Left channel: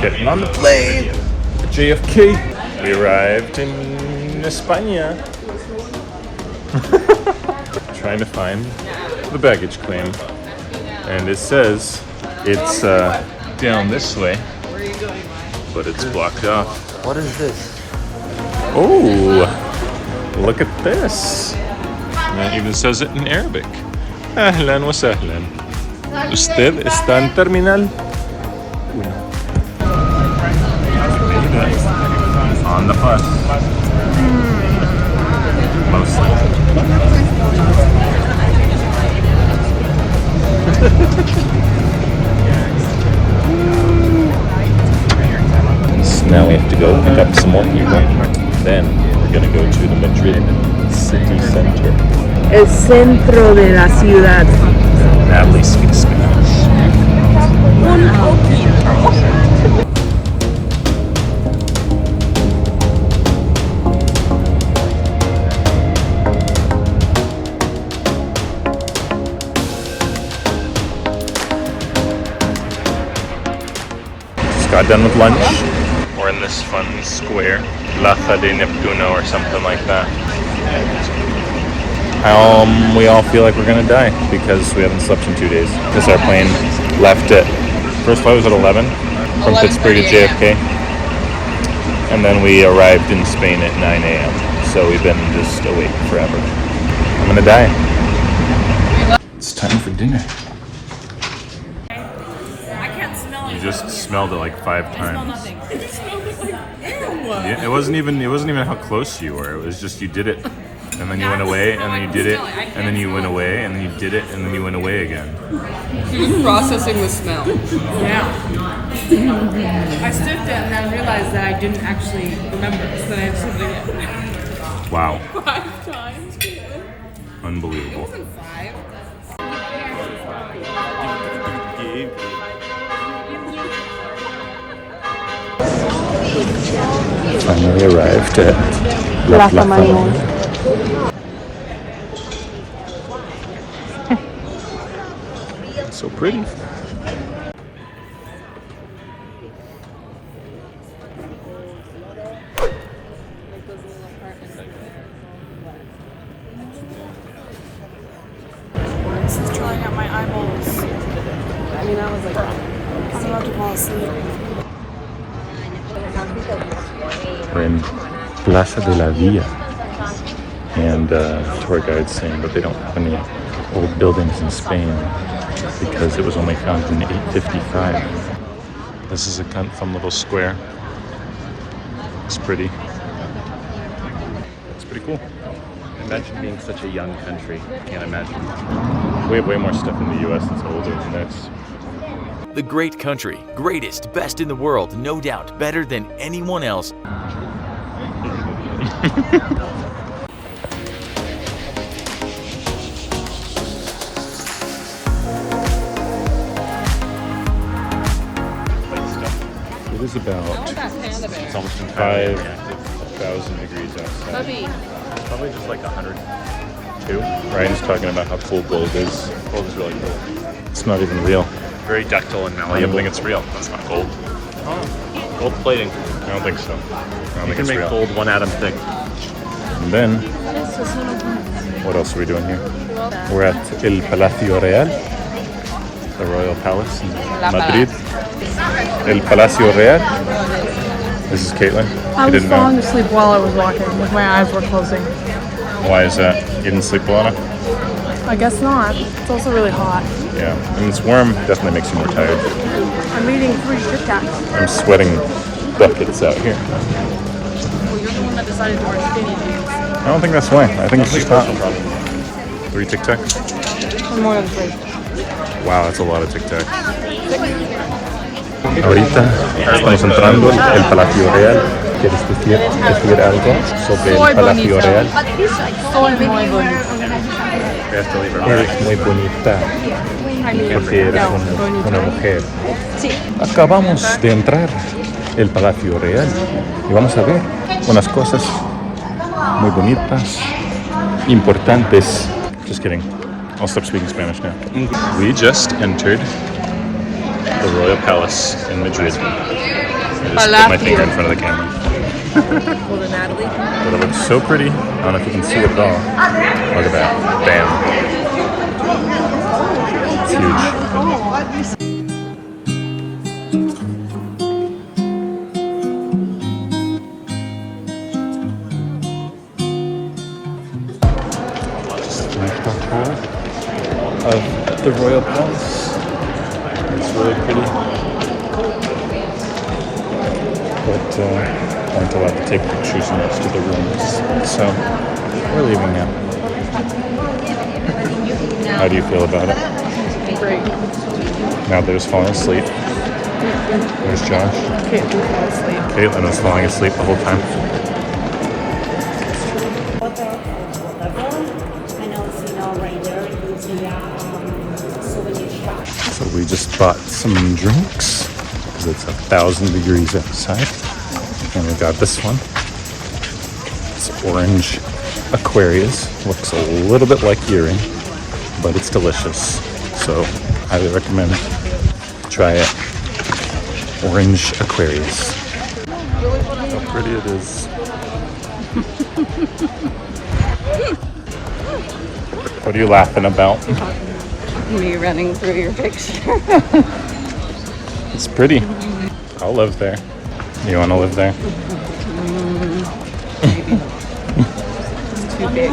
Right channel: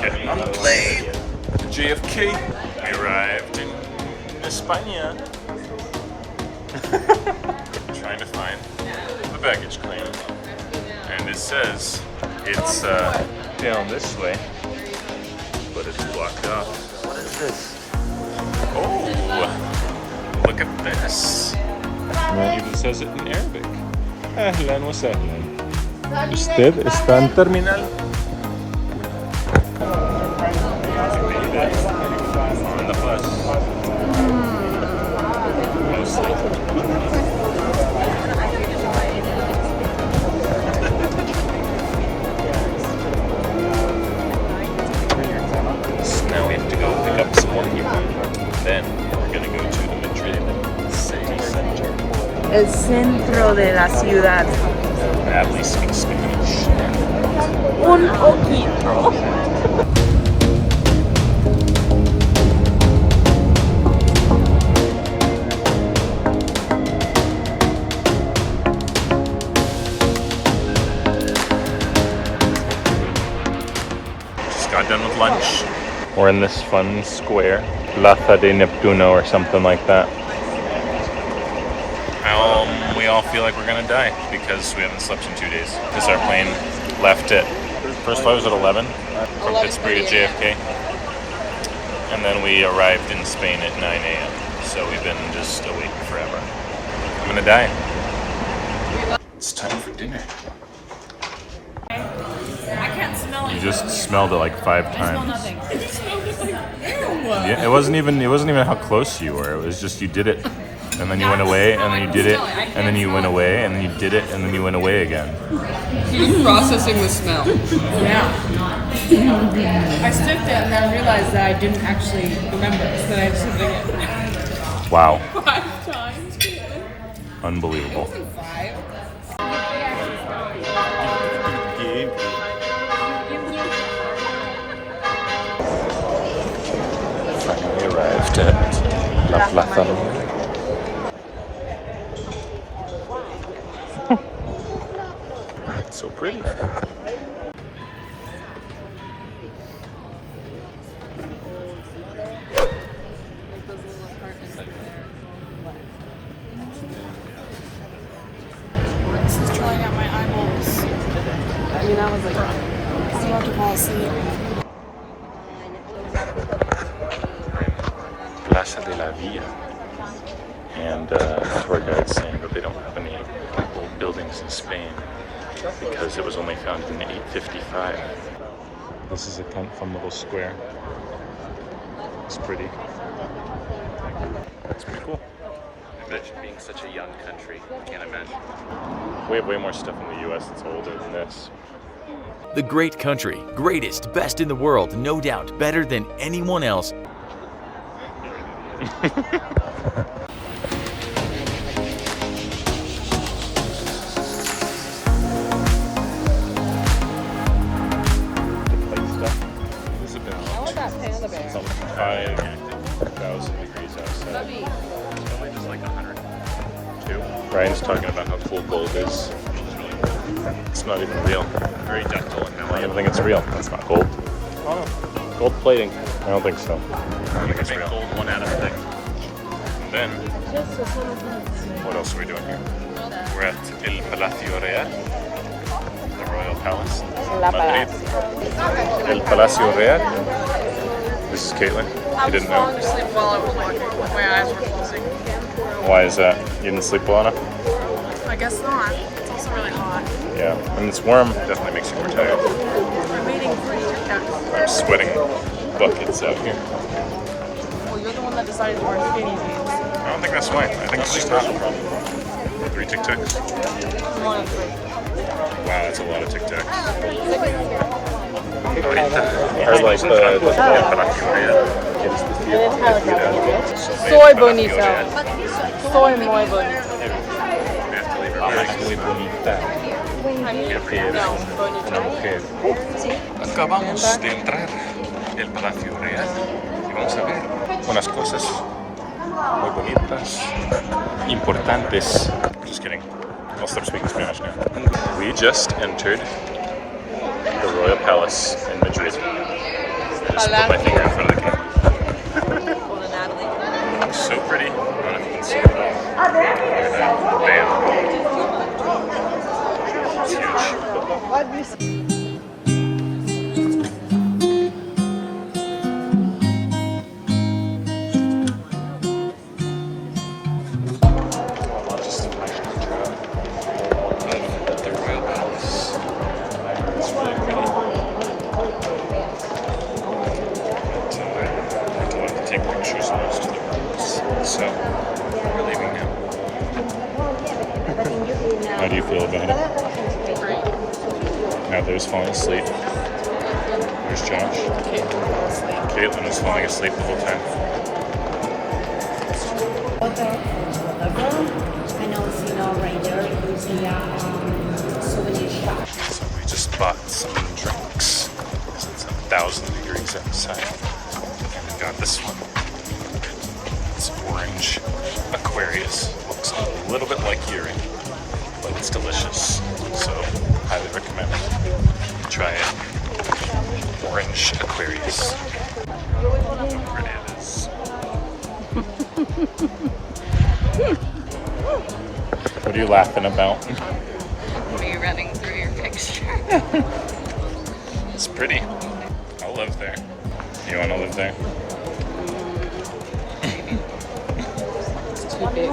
Getting on the plane. JFK. We arrived in España. Trying to find the baggage claim. And it says it's down this way, but it's blocked off. What is this? Oh, look at this. It even says it in Arabic. Ahlan wa sahlan. Usted está en terminal 1. On the bus. Mostly. So now we have to go pick up some more here. Then we're gonna go to the Madrid city center. El centro de la ciudad. Natalie speaks Spanish. Un poquito. Just got done with lunch. We're in this fun square, Plaza de Neptuno or something like that. We all feel like we're gonna die because we haven't slept in 2 days. Because our plane left at, first flight was at 11 from Pittsburgh to JFK. And then we arrived in Spain at 9 a.m. So we've been just awake forever. I'm gonna die. It's time for dinner. I can't smell it. You just smelled it like 5 times. Nothing. Yeah, it wasn't even how close you were. It was just you did it, and then you went away, and then you did it, and then you went away, and then you did it, and then you went away again. She's processing the smell. Yeah. I sniffed it and then realized that I didn't actually remember, so then I sniffed it again. Wow. 5 times. Unbelievable. 5. Finally arrived at La Plaza Mayor. So pretty. This is drawing out my eyeballs. I'm about to fall asleep. We're in Plaza de la Villa, and tour guide's saying that they don't have any old buildings in Spain because it was only founded in 855. This is a kind of fun little square. It's pretty. It's pretty cool. Imagine being such a young country. Can't imagine. We have way more stuff in the US that's older than this. The great country, greatest, best in the world, no doubt, better than anyone else. It is about 5,000 degrees outside. It's probably just like 102. Ryan's talking about how cool gold is. Gold is really cool. It's not even real. Very ductile and I don't malleable. think it's real. It's gold. Gold plating. I don't think so. I don't think You can it's make real. gold one out of thing. And then, what else are we doing here? We're at El Palacio Real, the Royal Palace in Madrid. El Palacio Real. This is Caitlin. I You was didn't falling know. asleep while I was walking, with my eyes were closing. Why is that? You didn't sleep well enough? I guess not. It's also really hot. Yeah. And it's warm, definitely makes you more tired. I'm eating 3 Kit Kats. I'm sweating buckets out here. Well, you're the one that decided to wear skinny jeans. I don't think that's why. I think it's just hot. 3 Tic Tacs? I'm more than 3. Wow, that's a lot of Tic Tacs. Ahorita estamos entrando al Palacio Real. ¿Quieres decir algo sobre el Palacio Real? Soy muy bonita. Es muy bonita. No, bonita. Mujer. Acabamos de entrar el Palacio Real y vamos a ver unas cosas muy bonitas, importantes. Just kidding. I'll stop speaking Spanish now. We just entered the Royal Palace in Madrid. I just put my finger in front of the camera. Over Natalie. But it looks so pretty. I don't know if you can see it at all. Look at that. Bam. It's huge. Just finished our tour of the Royal Palace. It's really pretty. But aren't allowed to take pictures in most of the rooms. So we're leaving now. How do you feel about it? Great. Now they're just falling asleep. There's Josh. Caitlin fell asleep. Caitlin is falling asleep the whole time. So we just bought some drinks because it's 1,000 degrees outside. And we got this one. It's orange Aquarius. Looks a little bit like urine, but it's delicious. So highly recommend try it. Orange Aquarius. How pretty it is. What are you laughing about? Me running through your picture. It's pretty. I'll live there. You want to live there? Maybe. It's too big.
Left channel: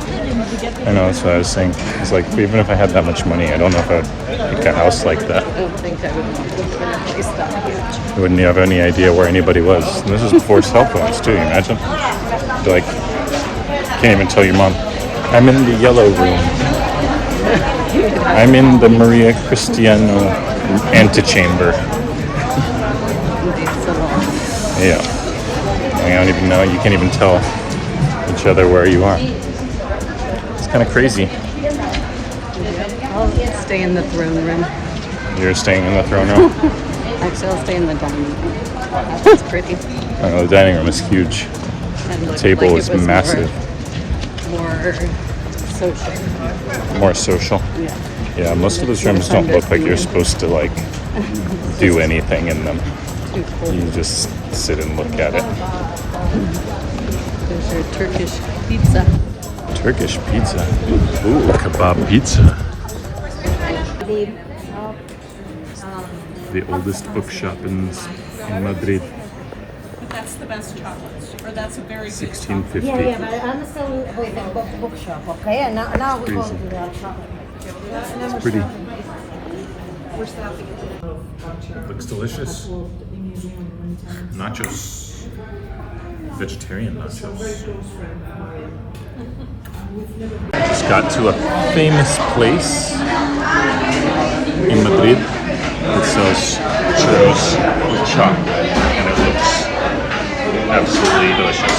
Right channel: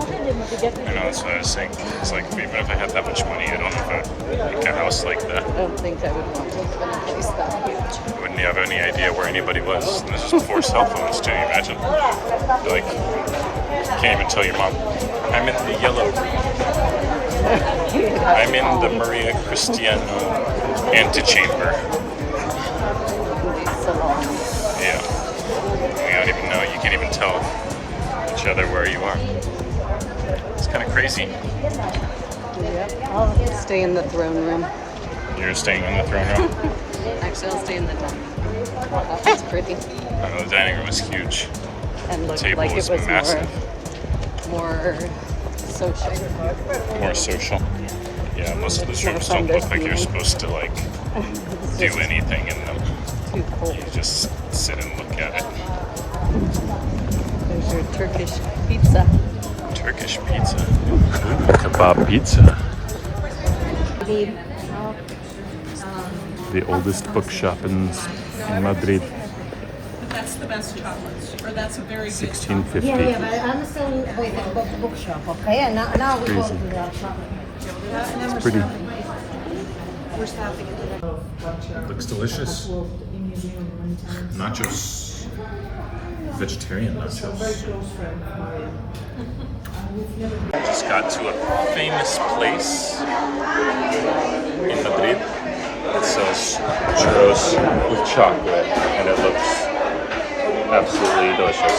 I know, that's what I was saying. It's like, even if I had that much money, I don't know if I would pick a house like that. I don't think I would want to live in a place that huge. You wouldn't have any idea where anybody was. And this is before cell phones, too, you imagine? You're like, can't even tell your mom, I'm in the yellow room. I'm in the Maria Cristiano antechamber. Yeah. You don't even know, you can't even tell each other where you are. It's kind of crazy. I'll stay in the throne room. You're staying in the throne room? Actually, I'll stay in the dining room. That's pretty. I know, the dining room is huge. And The table is massive. More social. More social. Yeah. Yeah, most of those rooms don't look like you're supposed to like do anything in them. Too cool. You just sit and look at it. There's your Turkish pizza. Turkish pizza. Ooh, kebab pizza. The oldest bookshop in Madrid. That's the best chocolate. Or that's a very good 1650. I'm still with the bookshop, okay? And now we go to the shop. It's pretty. Looks delicious. Nachos. Vegetarian nachos. Just got to a famous place in Madrid that sells churros with chocolate, and it looks absolutely delicious.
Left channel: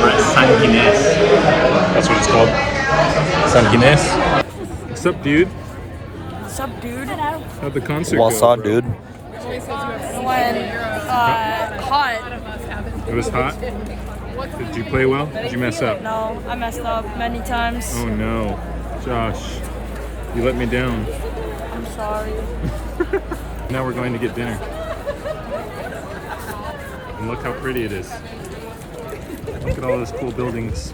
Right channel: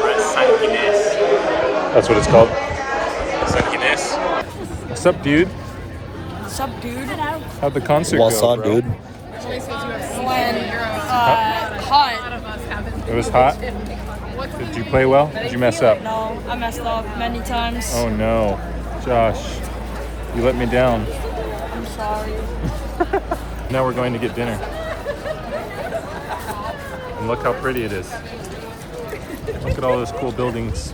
We're at San Ginés. That's what it's called. San Ginés. What's up, dude? What's up, dude? How'd the concert What's go, up, bro? dude? When hot. It was hot? Did you play well? Did you mess up? No, I messed up many times. Oh no. Josh, you let me down. I'm sorry. Now we're going to get dinner. And look how pretty it is. Look at all those cool buildings.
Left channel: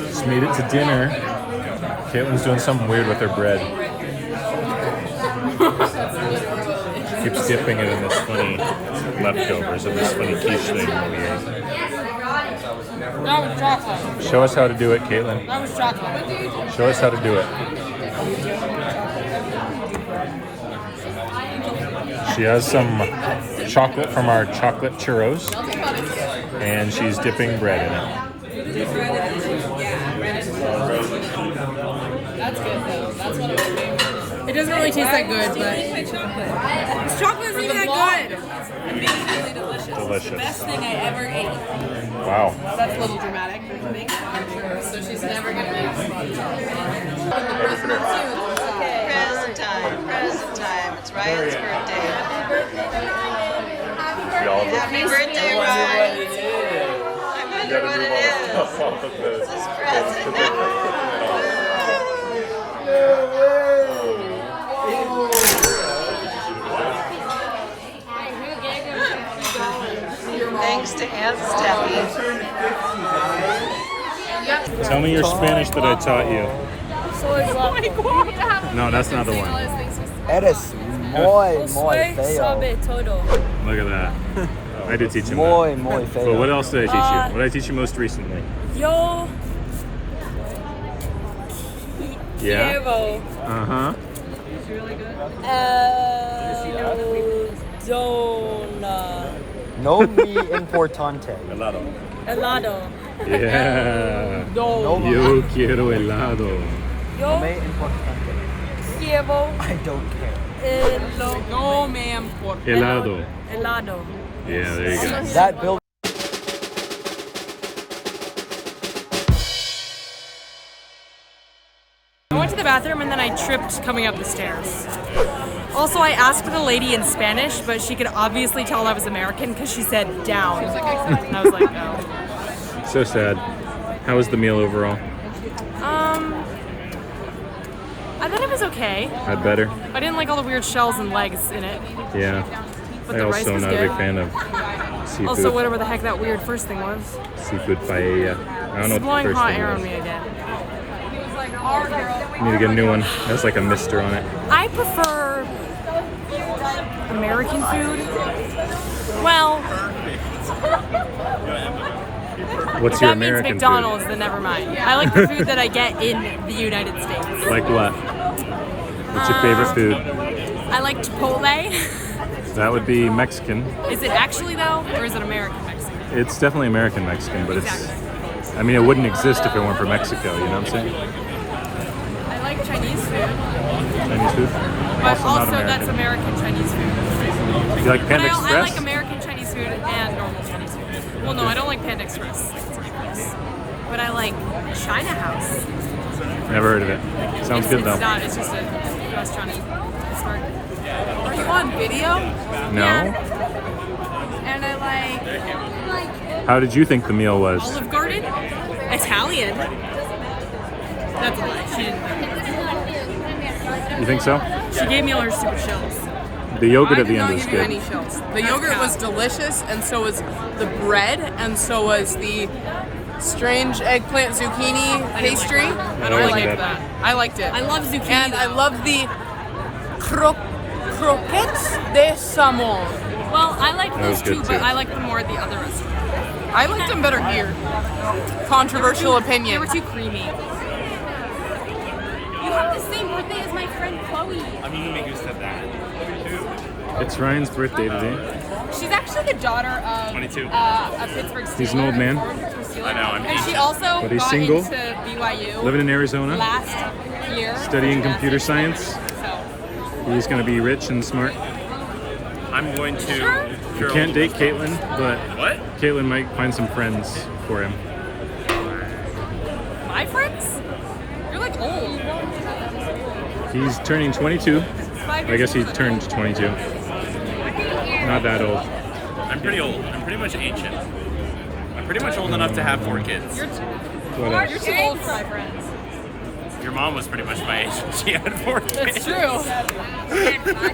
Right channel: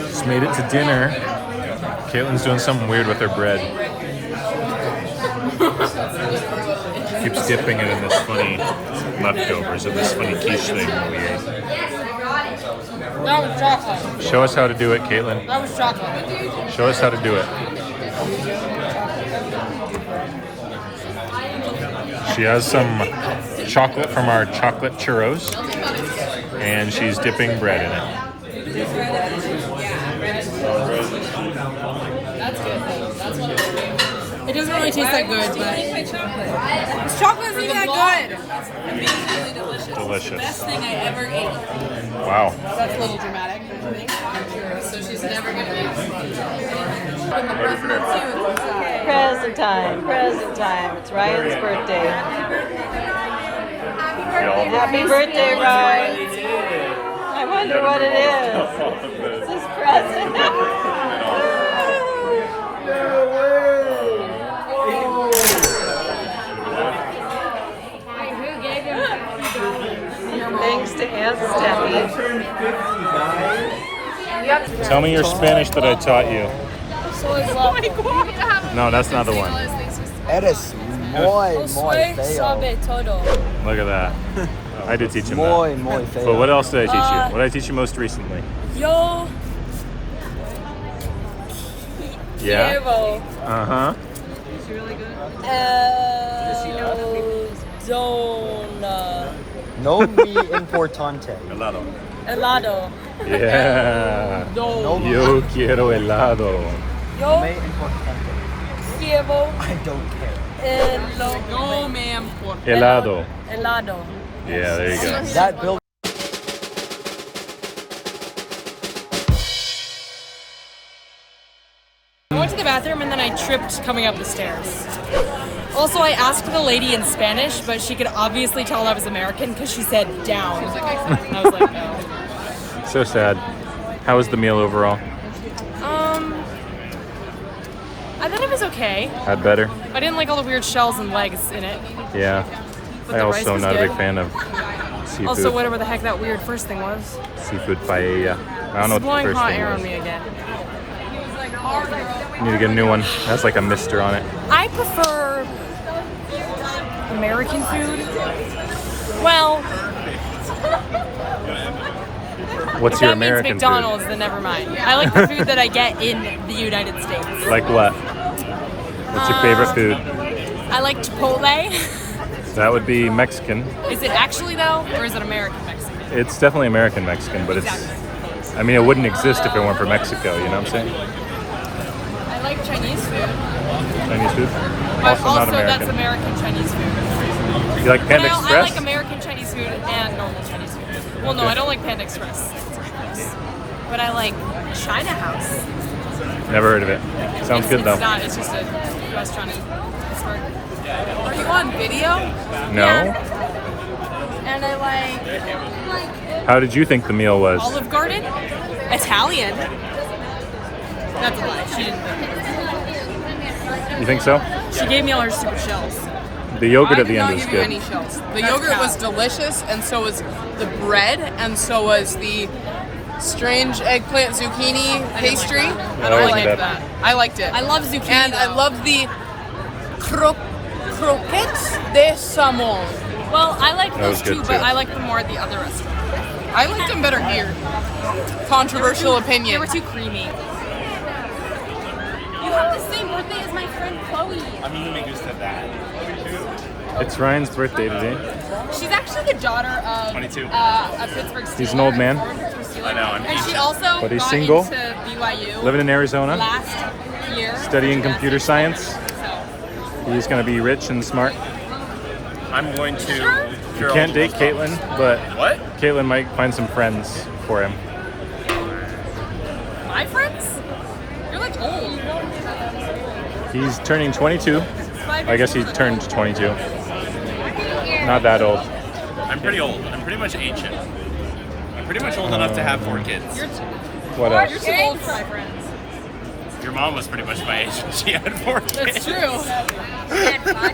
Just made it to dinner. Caitlin's doing something weird with her bread. Keeps dipping it in this funny leftovers of this funny quiche thing. That was chocolate. Show us how to do it, Caitlin. That was chocolate. Show us how to do it. She has some chocolate from our chocolate churros, and she's dipping bread in it. It doesn't really taste that good, but this chocolate isn't even that good. Amazingly delicious. Delicious. Best thing I ever ate. Wow. That's a little dramatic, don't you think? So she's never gonna eat the president too inside. Present time, present time. It's Ryan's birthday. Happy birthday, Ryan. I wonder what it is. It's his present. Yes, Steffi. Tell me your Spanish that I taught you. No, that's not the one. Eres muy feo. Look at that. I did teach him Muy that. feo. But what else did I teach you? What did I teach you most recently? Yo Yeah? quiero Uh-huh. zona No muy importante. helado. Yeah. No Yo quiero helado. Yo muy importante. quiero I don't care. No, ma'am. Helado. helado. Yeah, there you go. That building. I went to the bathroom and then I tripped coming up the stairs. Also, I asked the lady in Spanish, but she could obviously tell I was American because she said down. And I was like, no. So sad. How was the meal overall? I thought it was okay. Had better? I didn't like all the weird shells and legs in it. Yeah. But I the rice also am was not a good. big fan of seafood. Also, whatever the heck that weird first thing was. Seafood paella. I don't know It's what blowing the first hot thing air was. on me again. Need to get a new one. It has like a mister on it. I prefer American food. Well, What's if your that means American McDonald's, then never mind. I like the food that I get in the United States. food? Like what? What's your favorite food? I like Chipotle. That would be Mexican. Is it actually though, or is it American Mexican? It's definitely American Mexican, but Exactly. it's, I mean, it wouldn't exist if it weren't for Mexico, you know what I'm saying? I like Chinese food, Chinese food? but Also not also that's American. American Chinese food. You like But Panda I Express? like American Chinese food and normal Chinese food. Well, no, Okay. I don't like Panda Express. It's gross. But I like China House. Never heard of it. Sounds good though. It's not. It's just a restaurant in Pittsburgh. Are you on video? No? And I like How did you think the meal was? Olive Garden. Italian. That's a lie. She didn't think it was. You think so? She gave me all her stupid shells. The yogurt I at the did end not was give you good. any shells. The yogurt was delicious, and so was the bread, and so was the strange eggplant zucchini pastry. that. I wasn't liked bad. that. I liked it. I love zucchini. And I though. love the croquettes de salmon. Well, I like That was those too, good, but too. I like them more at the other restaurant. I liked them better here. Controversial They opinion. were too creamy. You have the same birthday as my friend Chloe. A mí no me gusta that. It's Ryan's birthday today. She's actually the daughter of 22. A Pittsburgh Steeler. He's an old man. I know, I'm And she also But he's got single, into BYU living in Arizona, last year. studying computer science. So, He's going to be rich and smart. I'm going to. You can't date Caitlin, but What? Caitlin might find some friends for him. my friends? You're like old. He's turning 22. I guess he turned 22. Not that old. I'm pretty old. I'm pretty much ancient. I'm pretty much old enough to have 4 kids. What else? You're too old for our friends. Your mom was pretty much my age. She had 4 kids. It's true.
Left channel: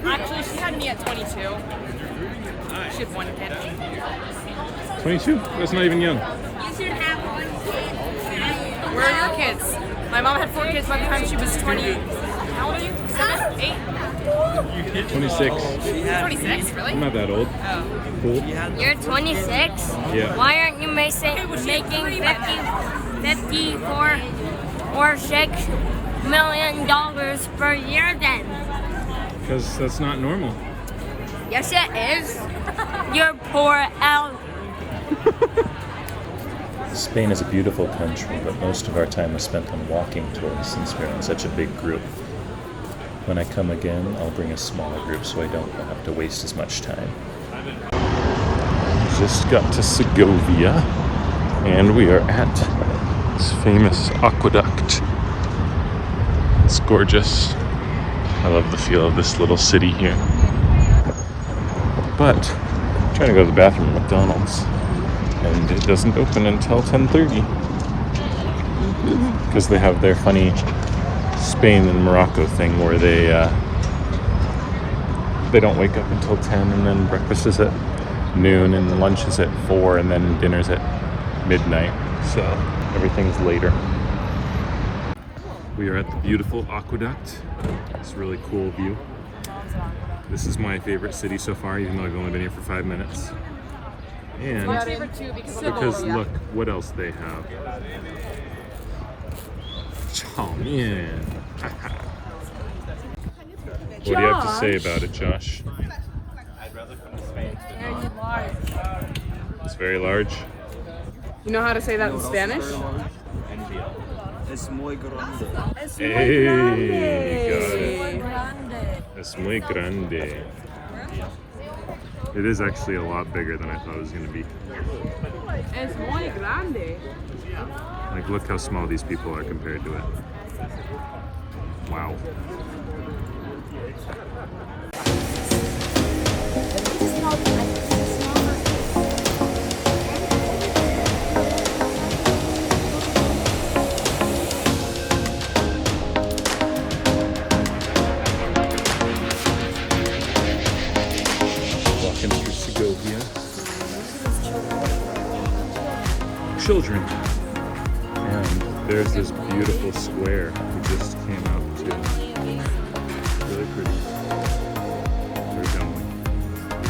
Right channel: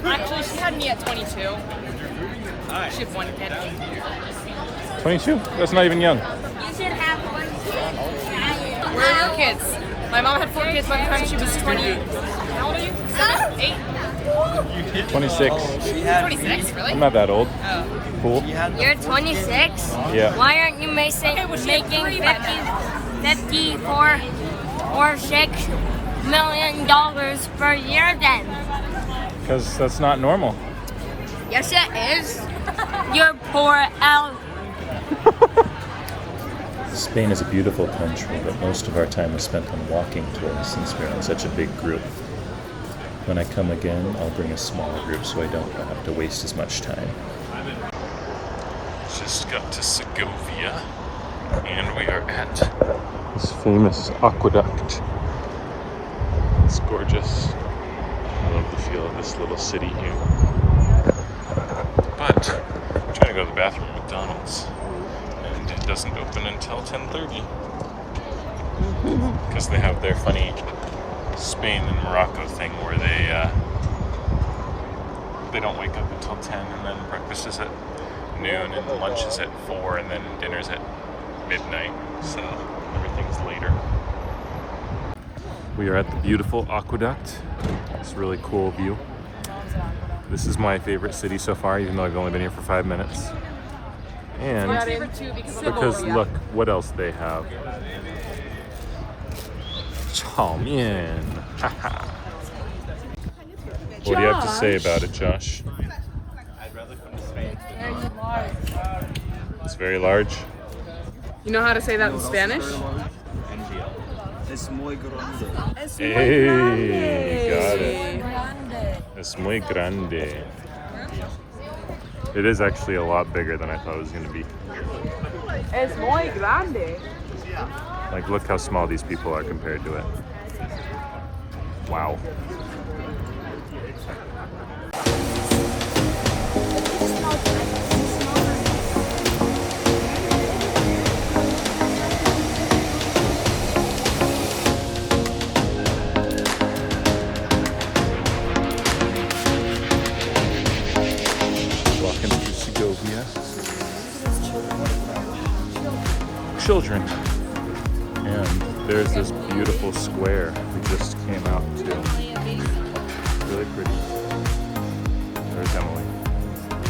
Actually, she had me at 22. She had 1 kid. 22? That's not even young. Where are your kids? My mom had 4 kids by the time she was 20. How old are you? 7? 8? 26. 26? Really? I'm not that old. Cool. You're 26? Yeah. Why aren't you making three by then. 54 or $6 million per year then? Because that's not normal. Yes, it is. You're poor out. Spain is a beautiful country, but most of our time was spent on walking tours since we're in such a big group. When I come again, I'll bring a smaller group so I don't have to waste as much time. Just got to Segovia, and we are at this famous aqueduct. It's gorgeous. I love the feel of this little city here. But I'm trying to go to the bathroom at McDonald's, and it doesn't open until 10:30 because they have their funny Spain and Morocco thing where they don't wake up until 10 and then breakfast is at noon, and lunch is at 4, and then dinner's at midnight. So everything's later. We are at the beautiful aqueduct. It's a really cool view. This is my favorite city so far, even though I've only been here for 5 minutes. And because look what else they have. Chow mein. What do you have to say about it, Josh? It's very large. You know how to say that in Spanish? Hey, got it. Es muy grande. It is actually a lot bigger than I thought it was going to be. Es muy grande. Like, look how small these people are compared to it. Wow. Welcome to Segovia. Children. And there's this beautiful square we just came out to. Really pretty. There's Emily.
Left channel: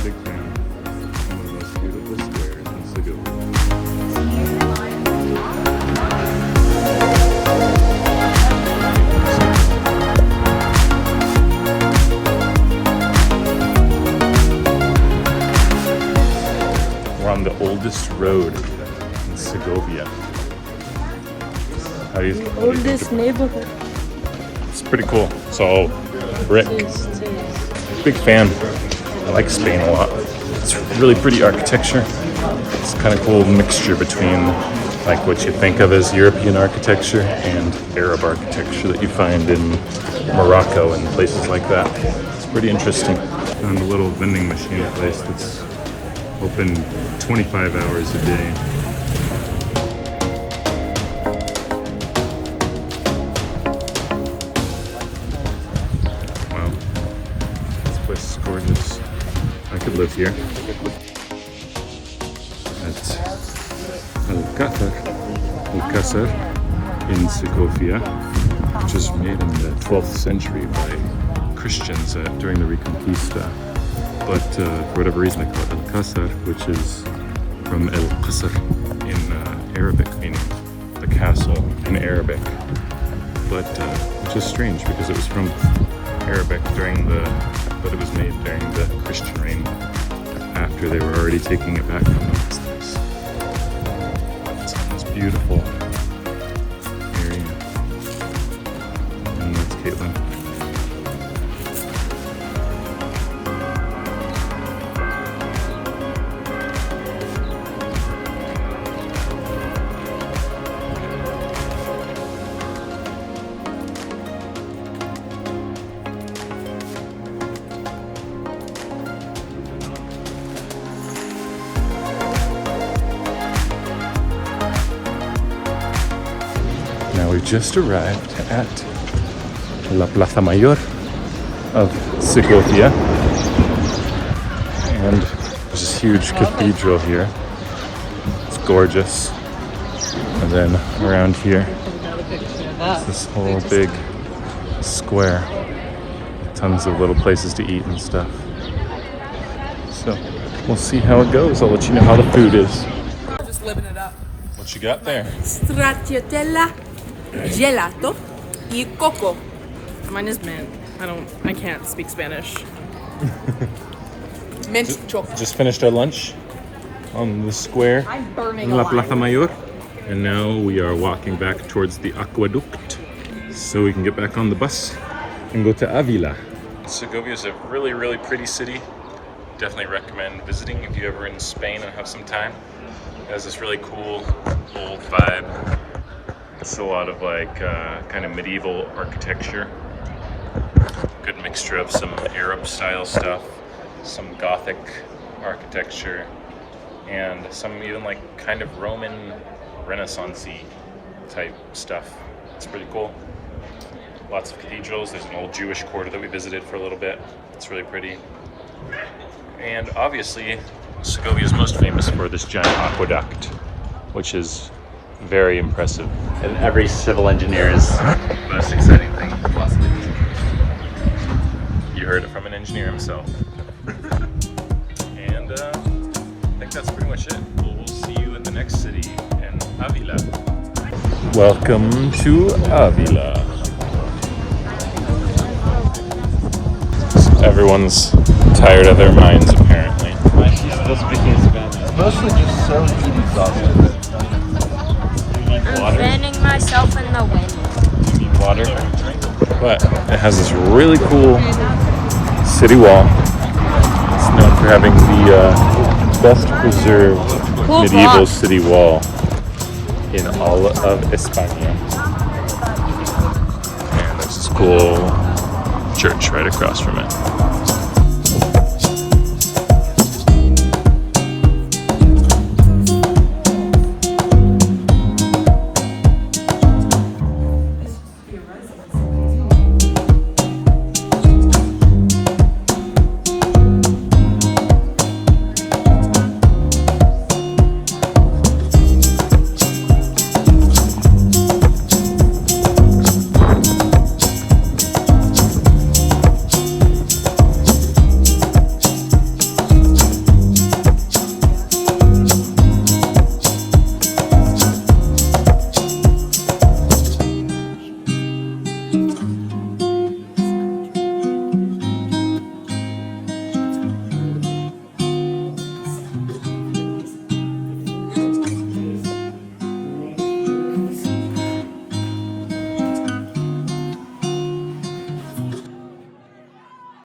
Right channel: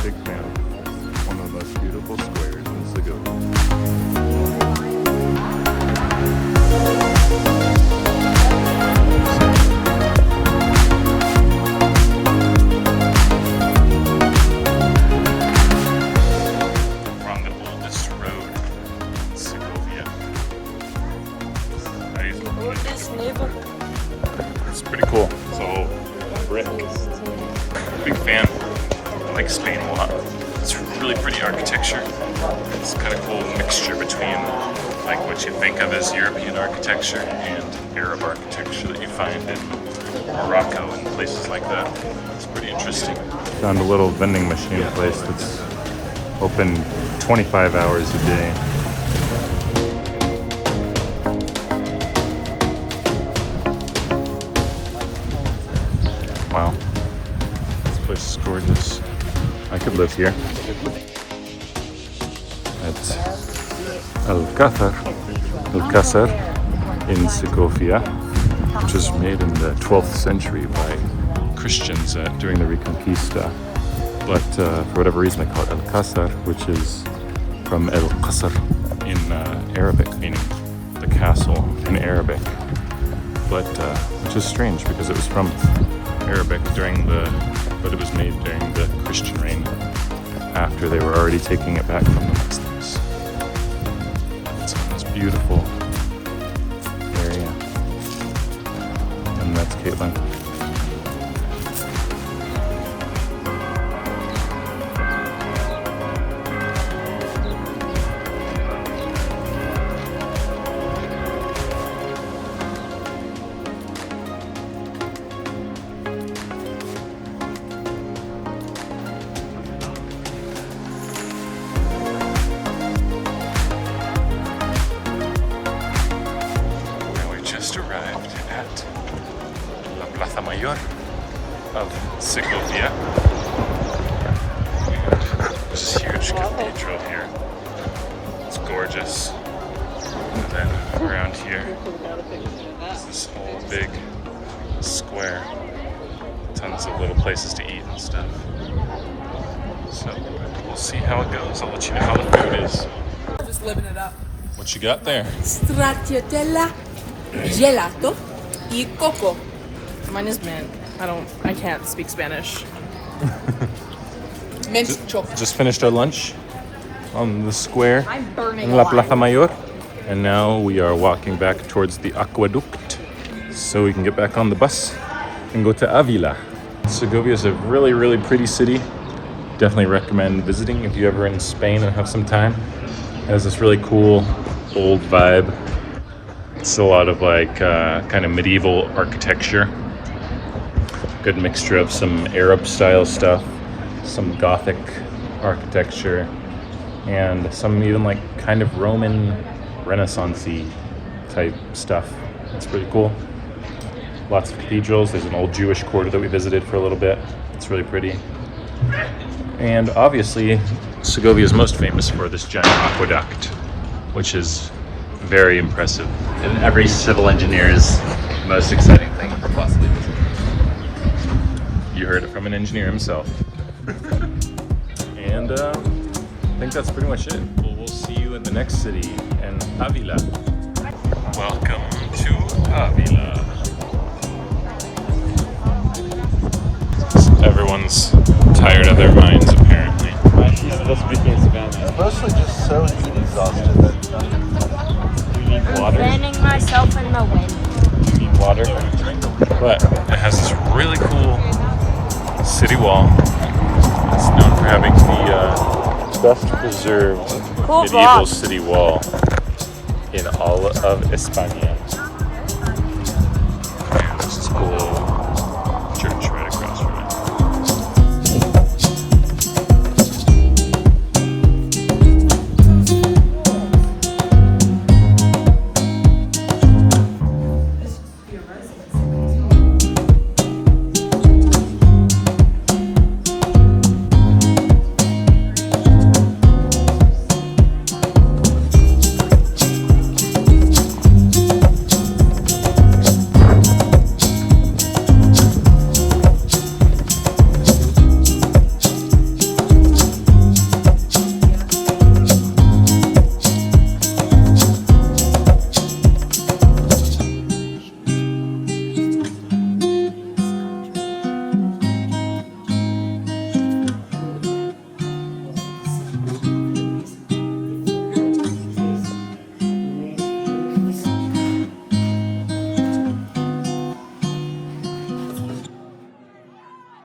Big fan. One of the most beautiful squares in Segovia. We're on the oldest road in Segovia. Oldest neighborhood. It's pretty cool. It's all brick. Big fan. I like Spain a lot. It's really pretty architecture. It's kind of cool mixture between like what you think of as European architecture and Arab architecture that you find in Morocco and places like that. It's pretty interesting. Found a little vending machine place that's open 25 hours a day. Wow, this place is gorgeous. I could live here. At Alcázar in Segovia, which was made in the 12th century by Christians during the Reconquista. But for whatever reason they call it Alcázar, which is from El Qasr in Arabic, meaning the castle in Arabic. But which is strange because it was from Arabic but it was made during the Christian reign after they were already taking it back from the Muslims. It's on this beautiful area. And that's Caitlin. We just arrived at La Plaza Mayor of Segovia, and there's this huge cathedral here. It's gorgeous. And then around here, this whole big square. Tons of little places to eat and stuff. So we'll see how it goes. I'll let you know how the food is. Just living it up. What you got there? Stracciatella, gelato, y coco. Mine is mint. I can't speak Spanish. Mint chocolate. Just finished our lunch on the square, La Plaza Mayor. And now we are walking back towards the aqueduct so we can get back on the bus and go to Avila. Segovia is a really, really pretty city. Definitely recommend visiting if you're ever in Spain and have some time. It has this really cool old vibe. It's a lot of like kind of medieval architecture. Good mixture of some Arab style stuff, some Gothic architecture, and some even like kind of Roman Renaissance-y type stuff. It's pretty cool. Lots of cathedrals. There's an old Jewish quarter that we visited for a little bit. It's really pretty. And obviously, Segovia is most famous for this giant aqueduct, which is very impressive. And every civil engineer's most exciting thing to possibly visit. You heard it from an engineer himself. And I think that's pretty much it. We'll see you in the next city, in Avila. Welcome to Avila. Everyone's tired of their minds, apparently. She's still speaking Spanish. Mostly just so exhausted that I'm fanning myself in the wind. Need water? But it has this really cool city wall. It's known for having the best preserved medieval city wall in all of España. And there's this cool church right across from it.